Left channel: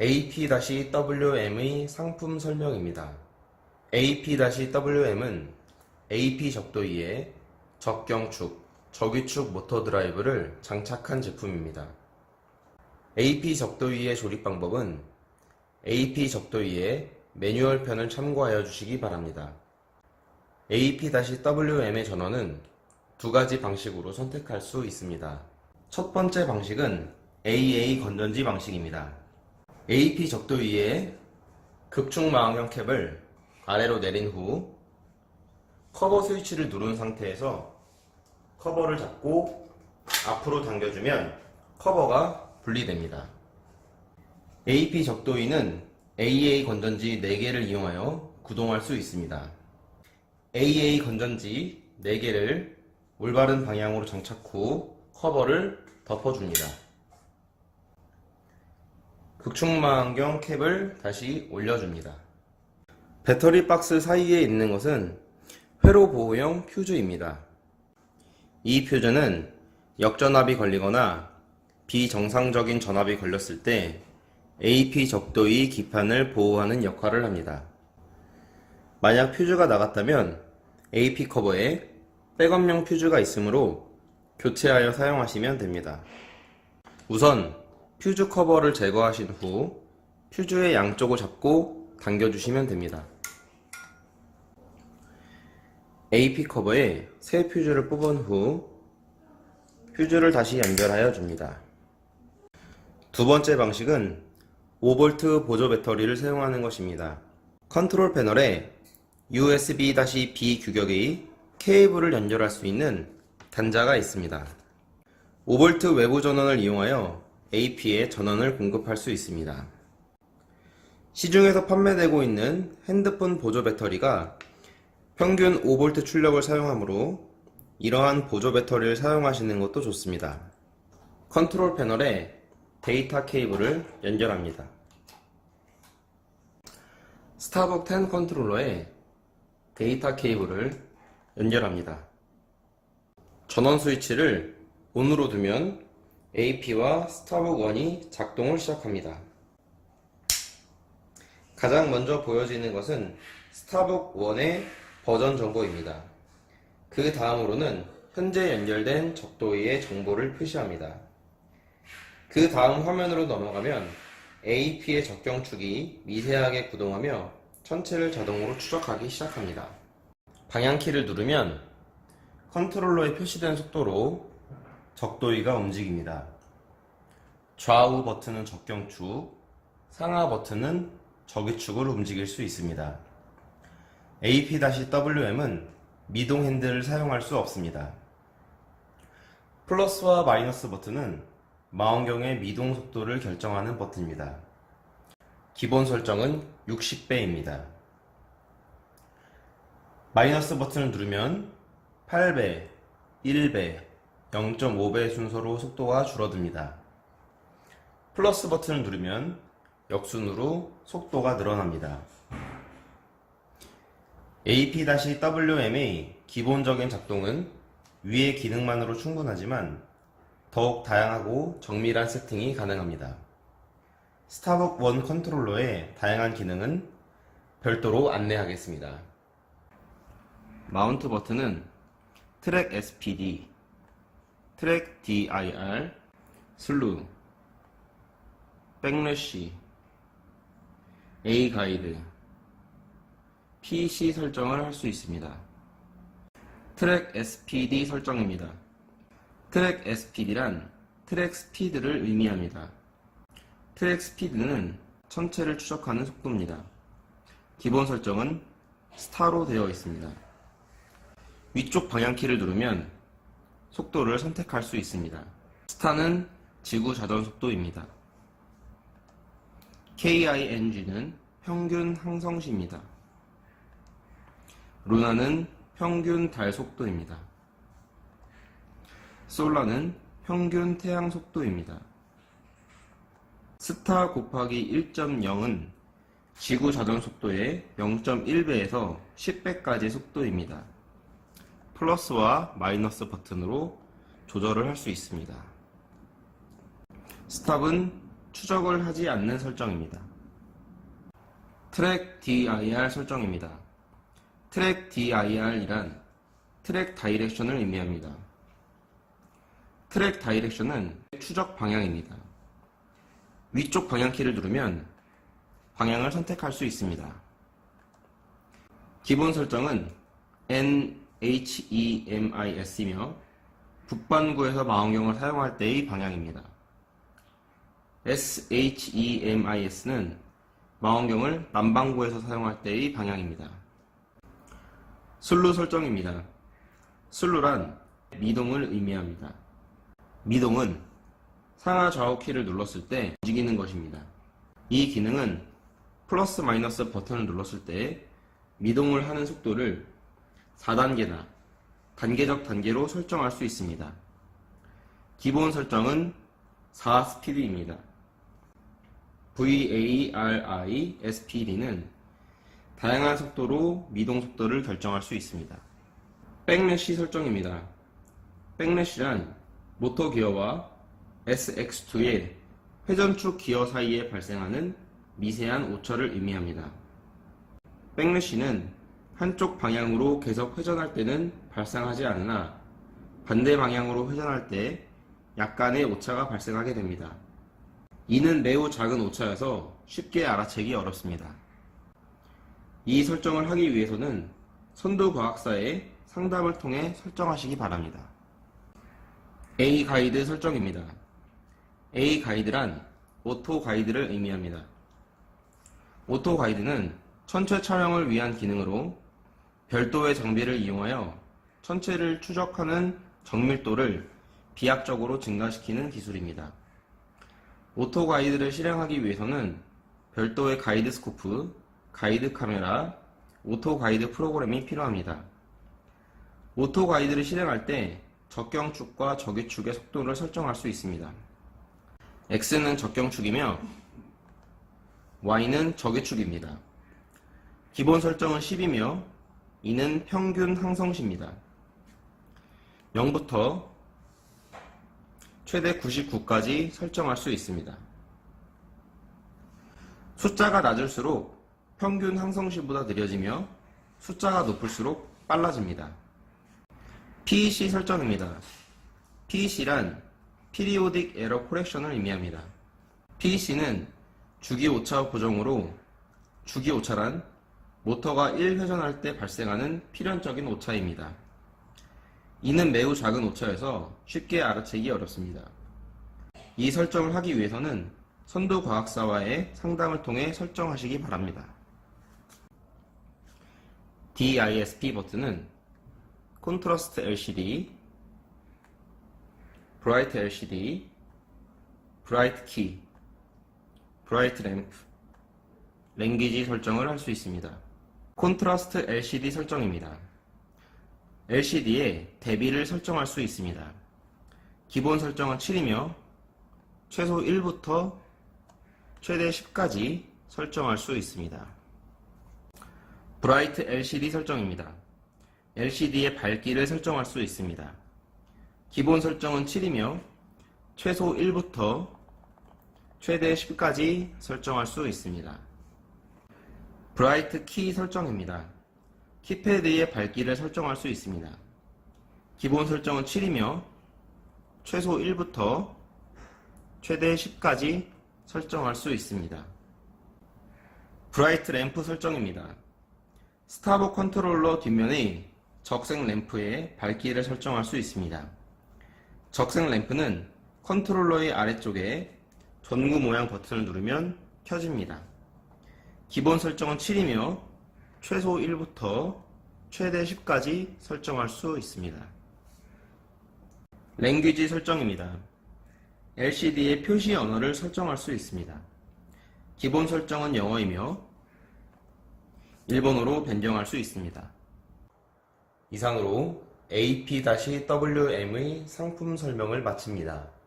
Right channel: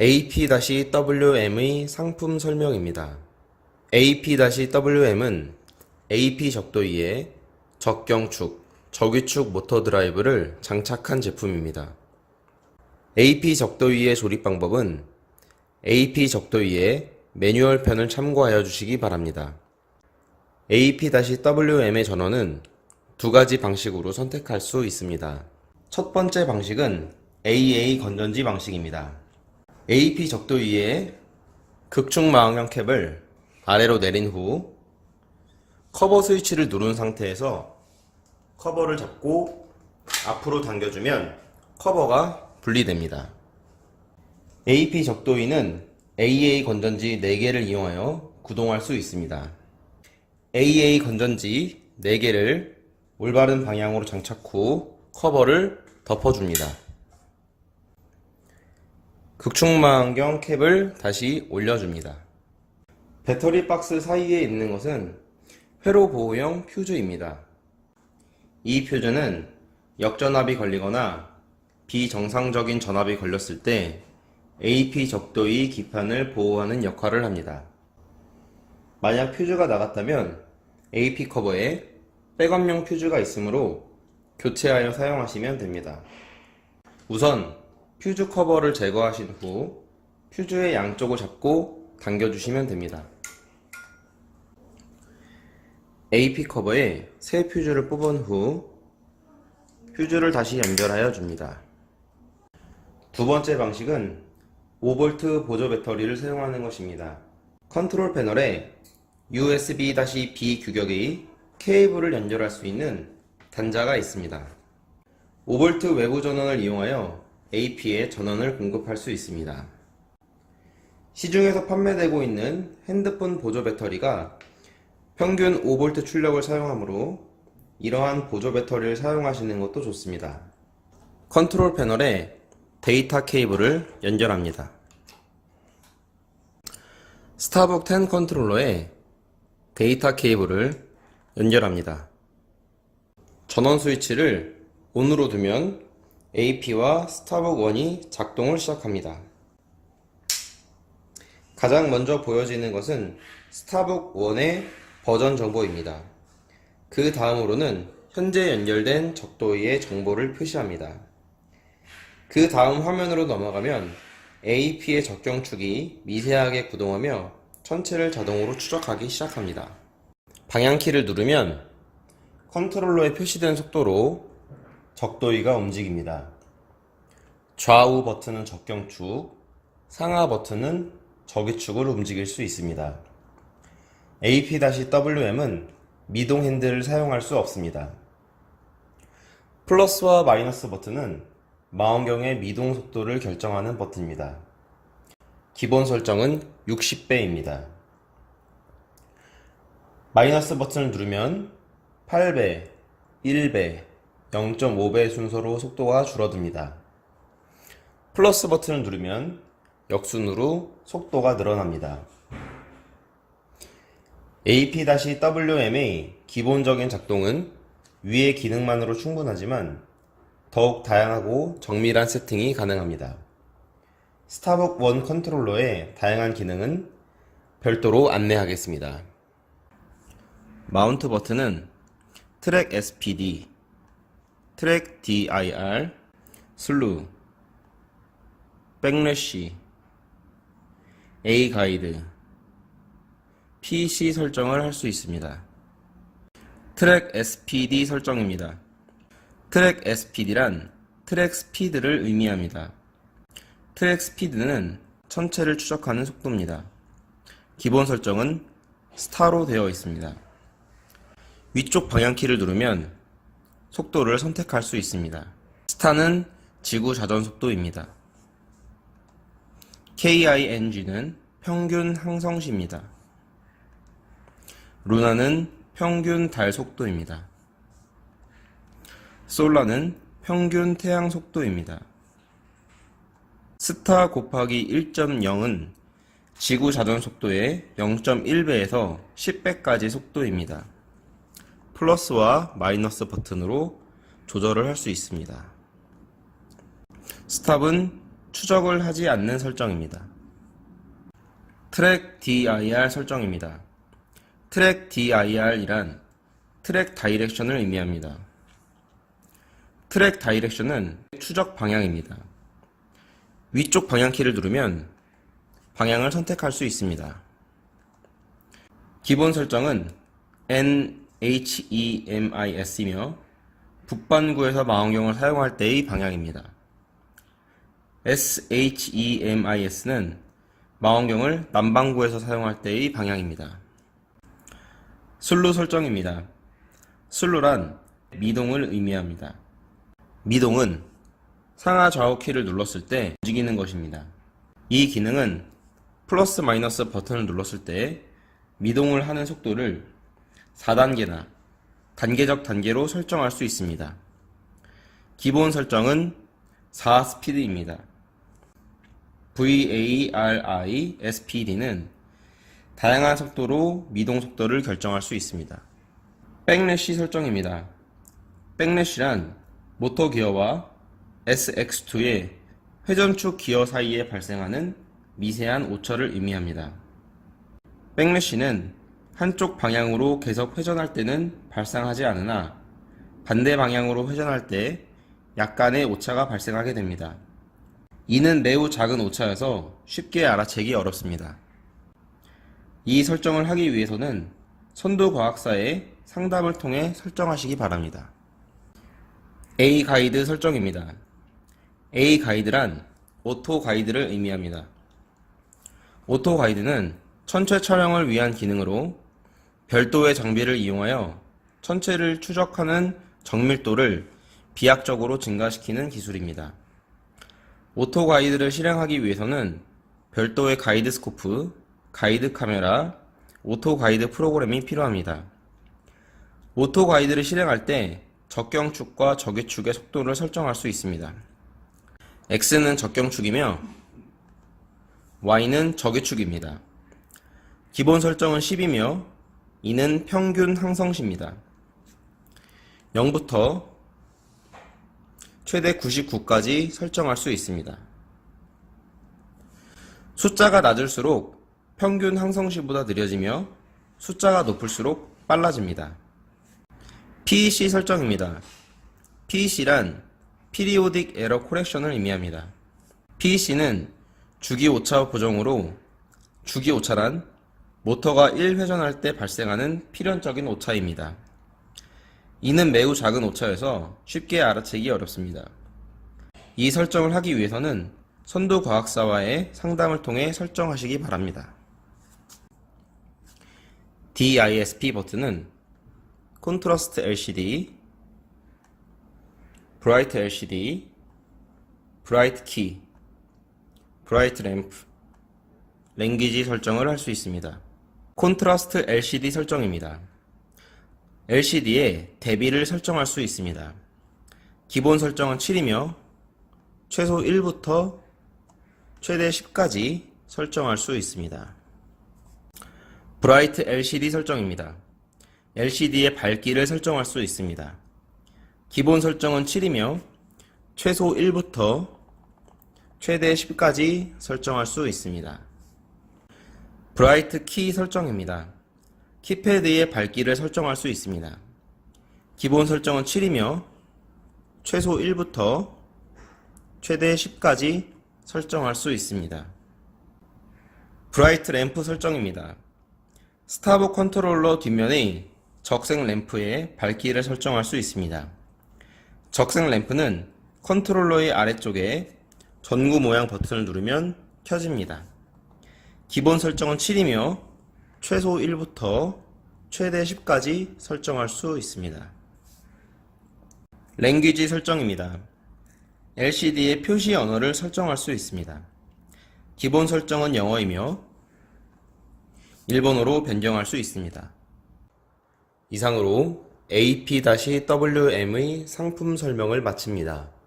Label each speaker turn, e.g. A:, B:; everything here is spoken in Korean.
A: AP-WM의 상품 설명입니다. AP-WM은 AP 적도기에 적경축, 적위축 모터 드라이브를 장착한 제품입니다. AP 적도기의 조립 방법은 AP 적도기의 매뉴얼 편을 참고하여 주시기 바랍니다. AP-WM의 전원은 두 가지 방식으로 선택할 수 있습니다. 첫 번째 방식은 AA 건전지 방식입니다. AP 적도기에 극충 마음형 캡을 아래로 내린 후 커버 스위치를 누른 상태에서 커버를 잡고 앞으로 당겨주면 커버가 분리됩니다. AP 적도기는 AA 건전지 4개를 이용하여 구동할 수 있습니다. AA 건전지 4개를 올바른 방향으로 장착 후 커버를 덮어줍니다. 극충망경 캡을 다시 올려줍니다. 배터리 박스 사이에 있는 것은 회로 보호용 퓨즈입니다. 이 퓨즈는 역전압이 걸리거나 비정상적인 전압이 걸렸을 때 AP 적도의 기판을 보호하는 역할을 합니다. 만약 퓨즈가 나갔다면 AP 커버에 백업용 퓨즈가 있으므로 교체하여 사용하시면 됩니다. 우선 퓨즈 커버를 제거하신 후 퓨즈의 양쪽을 잡고 당겨주시면 됩니다. AP 커버에 새 퓨즈를 뽑은 후 퓨즈를 다시 연결하여 줍니다. 두 번째 방식은 5V 보조 배터리를 사용하는 것입니다. 컨트롤 패널에 USB-B 규격의 케이블을 연결할 수 있는 단자가 있습니다. 5V 외부 전원을 이용하여 AP에 전원을 공급할 수 있습니다. 시중에서 판매되고 있는 핸드폰 보조 배터리가 평균 5V 출력을 사용하므로 이러한 보조 배터리를 사용하시는 것도 좋습니다. 컨트롤 패널에 데이터 케이블을 연결합니다. 스타벅 10 컨트롤러에 데이터 케이블을 연결합니다. 전원 스위치를 ON으로 두면 AP와 스타벅 1이 작동을 시작합니다. 가장 먼저 보여지는 것은 스타벅 1의 버전 정보입니다. 그 다음으로는 현재 연결된 적도기의 정보를 표시합니다. 그 다음 화면으로 넘어가면 AP의 적경축이 미세하게 구동하며 전체를 자동으로 추적하기 시작합니다. 방향키를 누르면 컨트롤러에 표시된 속도로 적도기가 움직입니다. 좌우 버튼은 적경축, 상하 버튼은 적위축을 움직일 수 있습니다. AP-WM은 미동 핸들을 사용할 수 없습니다. 플러스와 마이너스 버튼은 망원경의 미동 속도를 결정하는 버튼입니다. 기본 설정은 60배입니다. 마이너스 버튼을 누르면 8배, 1배, 0.5배 순서로 속도가 줄어듭니다. 플러스 버튼을 누르면 역순으로 속도가 늘어납니다. AP-WM의 기본적인 작동은 위의 기능만으로 충분하지만 더욱 다양하고 정밀한 세팅이 가능합니다. 스타벅 1 컨트롤러의 다양한 기능은 별도로 안내하겠습니다. 마운트 버튼은 트랙 SPD, 트랙 DIR, 슬루, 백래쉬, A 가이드, PC 설정을 할 수 있습니다. 트랙 SPD 설정입니다. 트랙 SPD란 트랙 스피드를 의미합니다. 트랙 스피드는 천체를 추적하는 속도입니다. 기본 설정은 스타로 되어 있습니다. 위쪽 방향키를 누르면 속도를 선택할 수 있습니다. 스타는 지구 자전 속도입니다. KING는 평균 항성시입니다. 루나는 평균 달 속도입니다. 솔라는 평균 태양 속도입니다. 스타 곱하기 1.0은 지구 자전 속도의 0.1배에서 10배까지 속도입니다. 플러스와 마이너스 버튼으로 조절을 할 수 있습니다. 스탑은 추적을 하지 않는 설정입니다. 트랙 dir 설정입니다. 트랙 dir이란 트랙 다이렉션을 의미합니다. 트랙 다이렉션은 추적 방향입니다. 위쪽 방향키를 누르면 방향을 선택할 수 있습니다. 기본 설정은 NHEMIS이며 북반구에서 망원경을 사용할 때의 방향입니다. SHEMIS는 망원경을 남반구에서 사용할 때의 방향입니다. 슬루 설정입니다. 슬루란 미동을 의미합니다. 미동은 상하 좌우 키를 눌렀을 때 움직이는 것입니다. 이 기능은 플러스 마이너스 버튼을 눌렀을 때 미동을 하는 속도를 4단계나 단계적 단계로 설정할 수 있습니다. 기본 설정은 4스피드입니다. VARI SPD는 다양한 속도로 미동 속도를 결정할 수 있습니다. 백래시 설정입니다. 백래시란 모터 기어와 SX2의 회전축 기어 사이에 발생하는 미세한 오차를 의미합니다. 백래시는 한쪽 방향으로 계속 회전할 때는 발생하지 않으나 반대 방향으로 회전할 때 약간의 오차가 발생하게 됩니다. 이는 매우 작은 오차여서 쉽게 알아채기 어렵습니다. 이 설정을 하기 위해서는 선두 과학사의 상담을 통해 설정하시기 바랍니다. A 가이드 설정입니다. A 가이드란 오토 가이드를 의미합니다. 오토 가이드는 천체 촬영을 위한 기능으로 별도의 장비를 이용하여 천체를 추적하는 정밀도를 비약적으로 증가시키는 기술입니다. 오토 가이드를 실행하기 위해서는 별도의 가이드 스코프, 가이드 카메라, 오토 가이드 프로그램이 필요합니다. 오토 가이드를 실행할 때 적경축과 적위축의 속도를 설정할 수 있습니다. X는 적경축이며 Y는 적위축입니다. 기본 설정은 10이며 이는 평균 항성시입니다. 0부터 최대 99까지 설정할 수 있습니다. 숫자가 낮을수록 평균 항성시보다 느려지며 숫자가 높을수록 빨라집니다. PEC 설정입니다. PEC란 Periodic Error Correction을 의미합니다. PEC는 주기 오차 보정으로 주기 오차란 모터가 1회전할 때 발생하는 필연적인 오차입니다. 이는 매우 작은 오차여서 쉽게 알아채기 어렵습니다. 이 설정을 하기 위해서는 선도 과학사와의 상담을 통해 설정하시기 바랍니다. DISP 버튼은 콘트라스트 LCD, 브라이트 LCD, 브라이트 키, 브라이트 램프, 랭귀지 설정을 할 수 있습니다. 콘트라스트 LCD 설정입니다. LCD에 대비를 설정할 수 있습니다. 기본 설정은 7이며 최소 1부터 최대 10까지 설정할 수 있습니다. 브라이트 LCD 설정입니다. LCD의 밝기를 설정할 수 있습니다. 기본 설정은 7이며 최소 1부터 최대 10까지 설정할 수 있습니다. 브라이트 키 설정입니다. 키패드의 밝기를 설정할 수 있습니다. 기본 설정은 7이며 최소 1부터 최대 10까지 설정할 수 있습니다. 브라이트 램프 설정입니다. 스타브 컨트롤러 뒷면의 적색 램프의 밝기를 설정할 수 있습니다. 적색 램프는 컨트롤러의 아래쪽에 전구 모양 버튼을 누르면 켜집니다. 기본 설정은 7이며 최소 1부터 최대 10까지 설정할 수 있습니다. 랭귀지 설정입니다. LCD의 표시 언어를 설정할 수 있습니다. 기본 설정은 영어이며 일본어로 변경할 수 있습니다. 이상으로 AP-WM의 상품 설명을 마칩니다.